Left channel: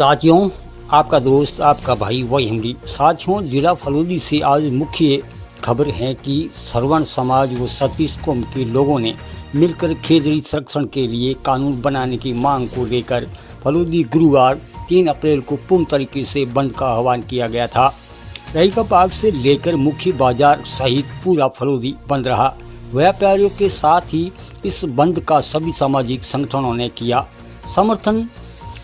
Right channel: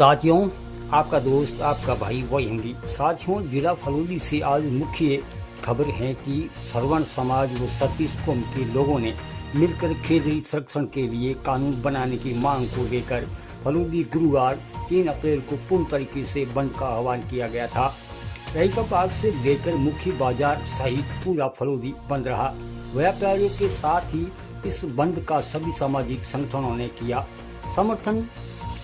साथियों, आपका दोस्त आपका भाई वही हिमली। साथियों, जिला फलोदी से आज मुख्य खबर है कि श्रवण समाज व सतीश कौम के लोगों ने मिलकर खेजड़ी संरक्षण के लिए कानून बनाने की मांग को लेकर फलोदी गुरुवार 3 अप्रैल को पूर्ण तरीके से बंद का आह्वान किया गया था। रहीका बाग से लेकर मुख्य बाजार सहित पूरा फलोदी बंद रहा। व्यापारियों के साथ ही इस बंद का सभी सामाजिक संगठनों ने किया समर्थन।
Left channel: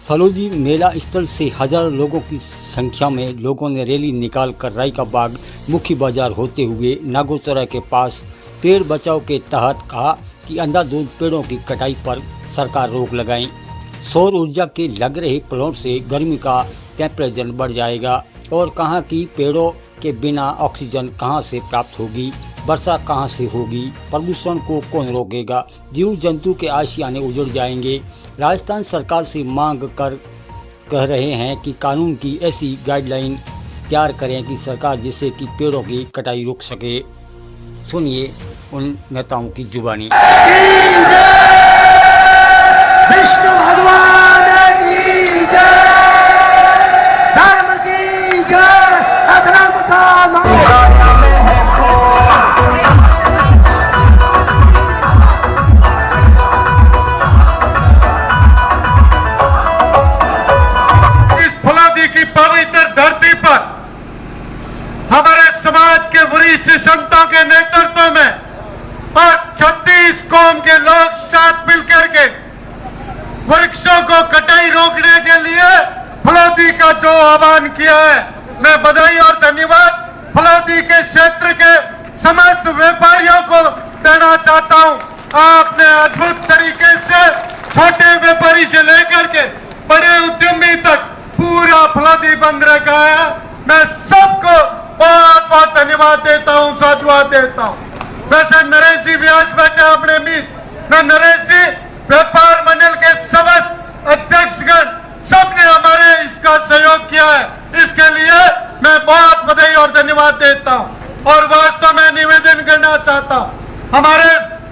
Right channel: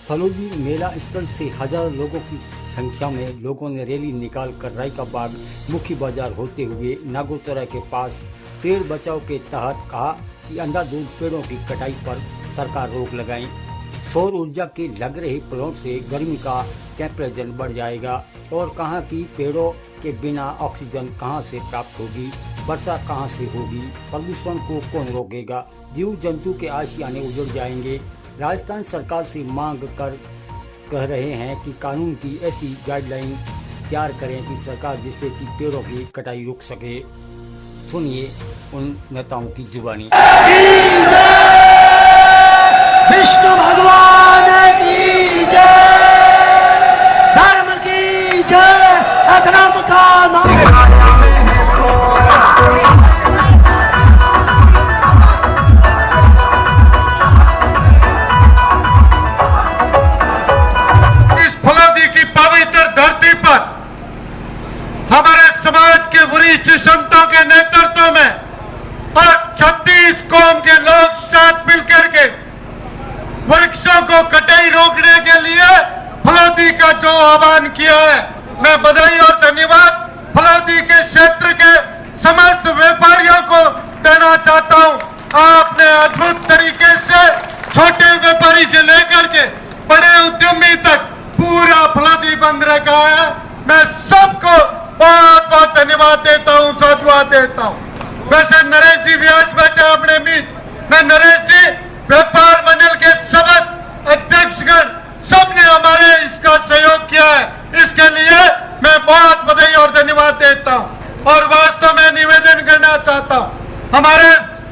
फलोदी मेला स्थल से हजारों लोगों की संख्या में लोगों ने रैली निकालकर रहीका बाग मुख्य बाजार होते हुए नागोचौरा के पास पेड़ बचाव के तहत कहा कि अंधाधुंध पेड़ों की कटाई पर सरकार रोक लगाए। सौर ऊर्जा के लग रहे प्लांट से गर्मी का टेम्परेचर बढ़ जाएगा और कहा कि पेड़ों के बिना ऑक्सीजन कहां से प्राप्त होगी, वर्षा कहां से होगी, प्रदूषण को कौन रोकेगा, जीव जंतु के आशियाने उजड़ जाएंगे। राजस्थान सरकार से मांग कर कह रहे हैं कि कानून की ऐसी गाइडलाइन तैयार करें कि सरकार जिससे कि पेड़ों की कटाई रोक सके। सुनिए उन नेताओं की जुबानी। विष्णु भगवान की जय, धर्म की जय, अधर्म का समाज के वरिष्ठ संतों के नेतृत्व में और 36 कौम के लोग साथ मिलकर के वृक्षों को कटाई रोकने के लिए फलोदी का जो आह्वान किया है, मैं बधाई और धन्यवाद फलोदी के क्षेत्र के समस्त व्यापारियों को देना चाहता हूं। आपने अद्भुत तरीके से छोटे व्यापारी से लेकर के बड़े उद्यमी तक पूरा फलोदी बंद रखा है। मैं सबको बहुत बहुत धन्यवाद देता हूं, साधुवाद देता हूं। वैसे नरेश जी व्यास बैठे अपने बीच, मैं नरेश जी व्यापार मंडल के समस्त अध्यक्षगण सबने हमारे इसका सहयोग किया है, इसके लिए मैं बहुत बधाई और धन्यवाद देता हूं। और वास्तव में निवेदन करना चाहता हूं, हमारे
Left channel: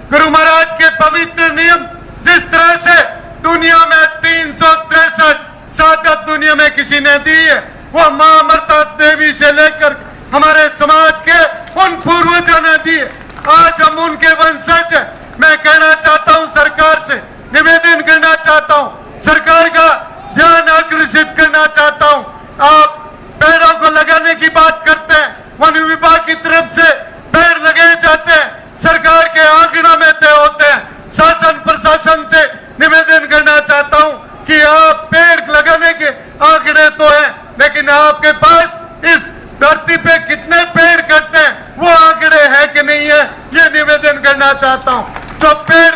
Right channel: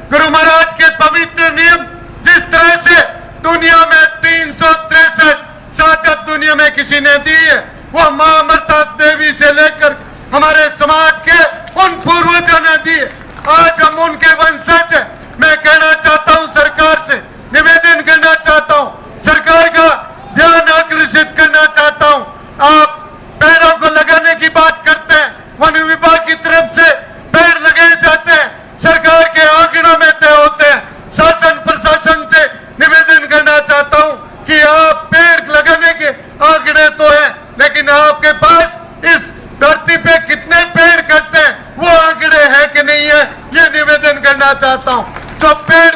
गुरु महाराज के पवित्र नियम जिस तरह से दुनिया में 363 शहादत दुनिया में किसी ने दी है, वो मां अमृता देवी से लेकर हमारे समाज के उन पूर्वजों ने दी। आज हम उनके वंशज हैं। मैं कहना चाहता हूं, सरकार से निवेदन करना चाहता हूं, सरकार का ध्यान आकर्षित करना चाहता हूं। आप पेड़ों को लगाने की बात करते हैं, वन विभाग की तरफ से पेड़ लगाए जाते हैं, सरकार के आंकड़ों में तय होते हैं। शासन प्रशासन से निवेदन करना चाहता हूं कि आप पेड़ लगाने के आंकड़े तो हैं, लेकिन आपके पास इस धरती पे कितने पेड़ कटते हैं वो आंकड़े हैं कि नहीं है, ये निवेदन करना चाहता हूं। जो पेड़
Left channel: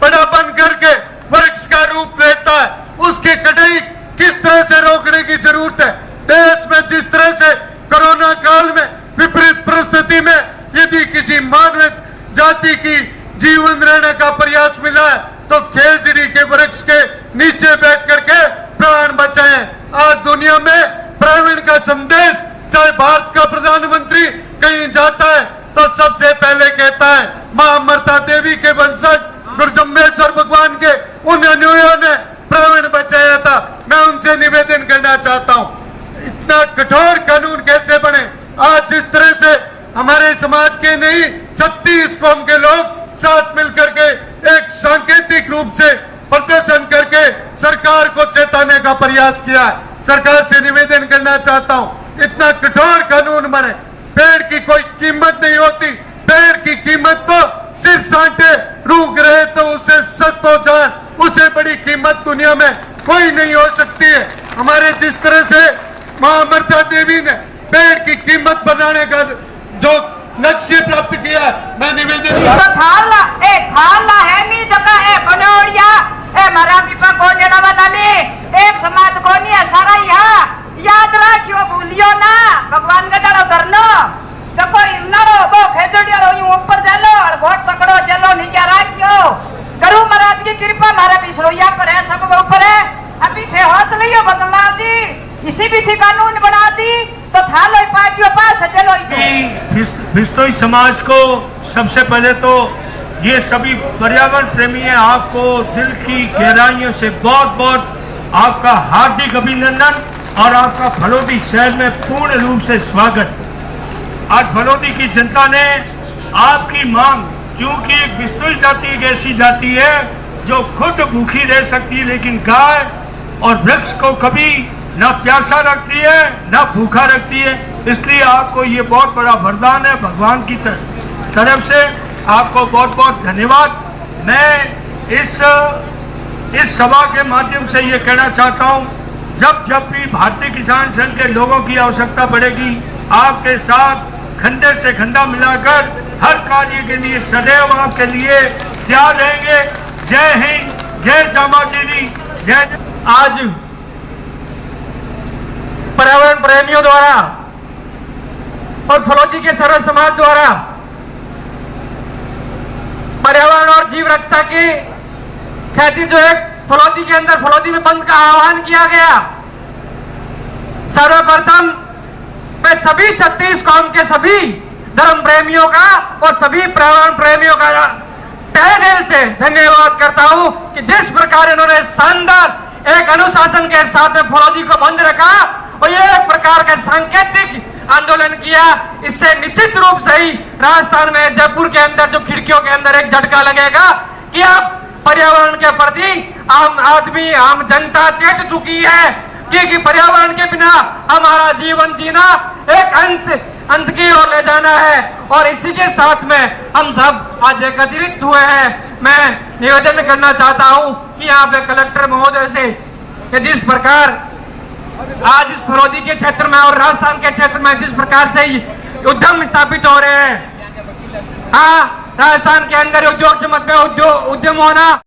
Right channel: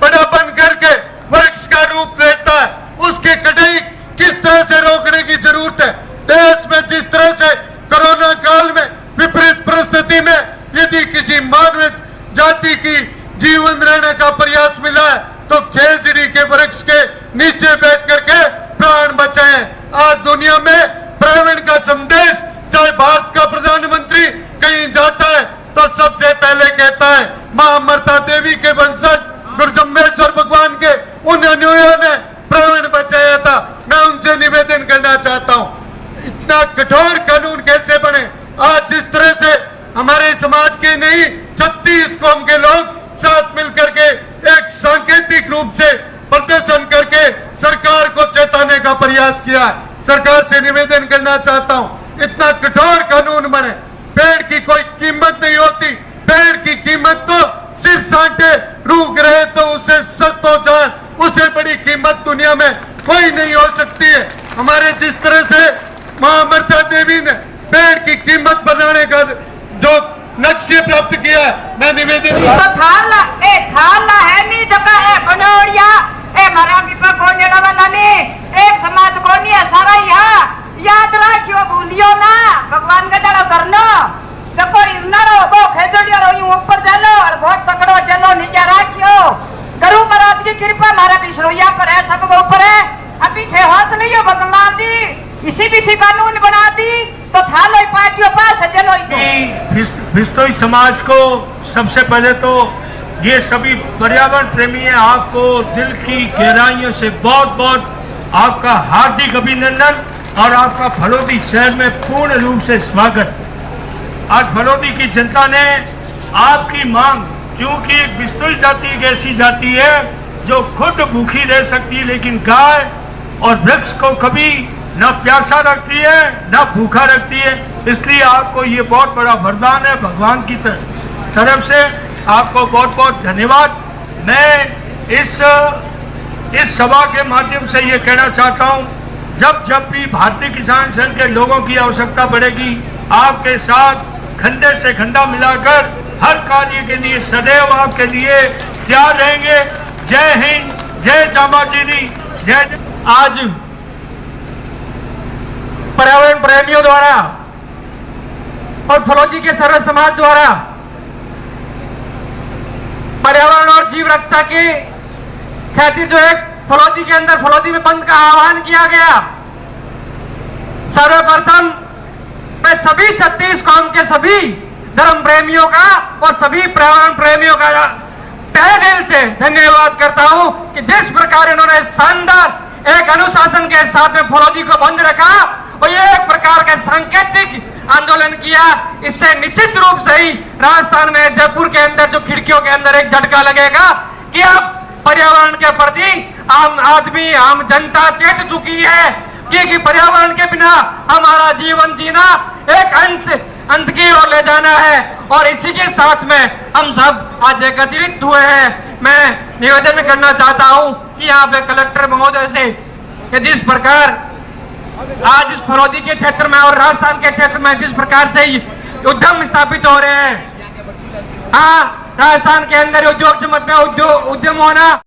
बड़ा बन करके वृक्ष का रूप लेता है, उसकी कटाई किस तरह से रोकने की जरूरत है। देश में जिस तरह से कोरोना काल में विपरीत परिस्थिति में यदि किसी मानव जाति की जीवन रहने का प्रयास मिला है तो खेजड़ी के वृक्ष के नीचे बैठ करके प्राण बचाएं। आज दुनिया में प्राण का संदेश, चाहे भारत का प्रधानमंत्री कहीं जाता है तो सबसे पहले कहता है मां अमृता देवी के वंशज गुरु जम्बेश्वर भगवान के उन अनुयायियों ने प्राण बचाया था। मैं उनसे निवेदन करना चाहता हूं, इतना कठोर कानून कैसे बने। आज जिस तरह से हमारे समाज के नहीं 36 कौम के लोग साथ मिलकर के एक सांकेतिक रूप से प्रदर्शन करके सरकार को चेताने का प्रयास किया है। सरकार से निवेदन करना चाहता हूं, इतना कठोर कानून बने। पेड़ की कोई कीमत नहीं होती, पेड़ की कीमत तो सिर साटे रूक रहे तो उसे सस्त हो जाए, उससे बड़ी कीमत दुनिया में कोई नहीं हो सकती है। हमारे जिस तरह से मां अमृता देवी ने पेड़ की कीमत बनाने का जो लक्ष्य प्राप्त किया, मैं निवेदन थाला है नहीं जगह है बनोड़िया ए मारा पिपा को नेड़ा वाला ने एक समाज को नहीं है सारा यहाँ याद रखियो, भूलियो ना भगवान का डालो करनो जको इन्नारो वो खेजड़िया रो ऊपर चलो और बहुत तकड़ो चलो नीचे रखियो। गुरु महाराज की कृपा हमारा बिसरोया पर है, सब के ऊपर है। अभी थे हाथ में ये बदला दी, इसी कानून बना दी तो थालो पार्टियों पास चलो। बिस्तोई समाज को सबसे पहले तो ये सभी पर्यावरण प्रेमी हैं, आपको दिल की गहराइयों से बहुत बहुत आपका हार्दिक अभिनंदन और आपका फलोदी शहर में पूर्ण रूप से स्वागत। आज फलोदी की जनता ने आपकी मांग, क्योंकि बिश्नोई जाति एक ऐसी जाति है जो खुद भूखी रह सकती है, लेकिन गाय और वृक्ष को कभी न प्यासा रखती है न भूखा रखती है, इसलिए आपको ये बहुत बड़ा वरदान है भगवान की तरफ से। आपको बहुत बहुत धन्यवाद। मैं इस सभा के माध्यम से ये कहना चाहता हूँ, जब भी भारतीय किसान संघ के लोगों की आवश्यकता पड़ेगी, आपके साथ खंडे से खंडा मिलाकर हर कार्य के लिए सदैव आपके लिए तैयार रहेंगे। जय हिंद, जय चामाचीनी, जय। आज पर्यावरण प्रेमियों द्वारा और फलौदी के सर्व समाज द्वारा पर्यावरण और जीव रक्षा की ख्याति जो है फलौदी के अंदर फलौदी में बंद का आह्वान किया गया। सर्वप्रथम मैं सभी 36 कौम के सभी धर्म प्रेमियों का और सभी पर्यावरण प्रेमियों का तहे दिल से धन्यवाद करता हूं कि जिस प्रकार इन्होंने शानदार एक अनुशासन के साथ में फलौदी को बंद रखा और ये एक प्रकार का सांकेतिक आंदोलन किया। इससे निश्चित रूप से ही राजस्थान में जयपुर के अंदर जो खिड़कियों के अंदर एक झटका लगेगा कि अब पर्यावरण के प्रति आम आदमी आम जनता चेत चुकी है कि पर्यावरण के बिना हमारा जीवन जीना एक अंत की ओर ले जाना है। और इसी के साथ में हम सब आज एकत्रित हुए हैं। मैं निवेदन करना चाहता हूं कि यहाँ पे कलेक्टर महोदय से कि जिस प्रकार आज इस फलौदी के क्षेत्र में और राजस्थान के क्षेत्र में जिस प्रकार से उद्यम स्थापित हो रहे हैं, हाँ राजस्थान के अंदर उद्योग जगत में उद्यम होना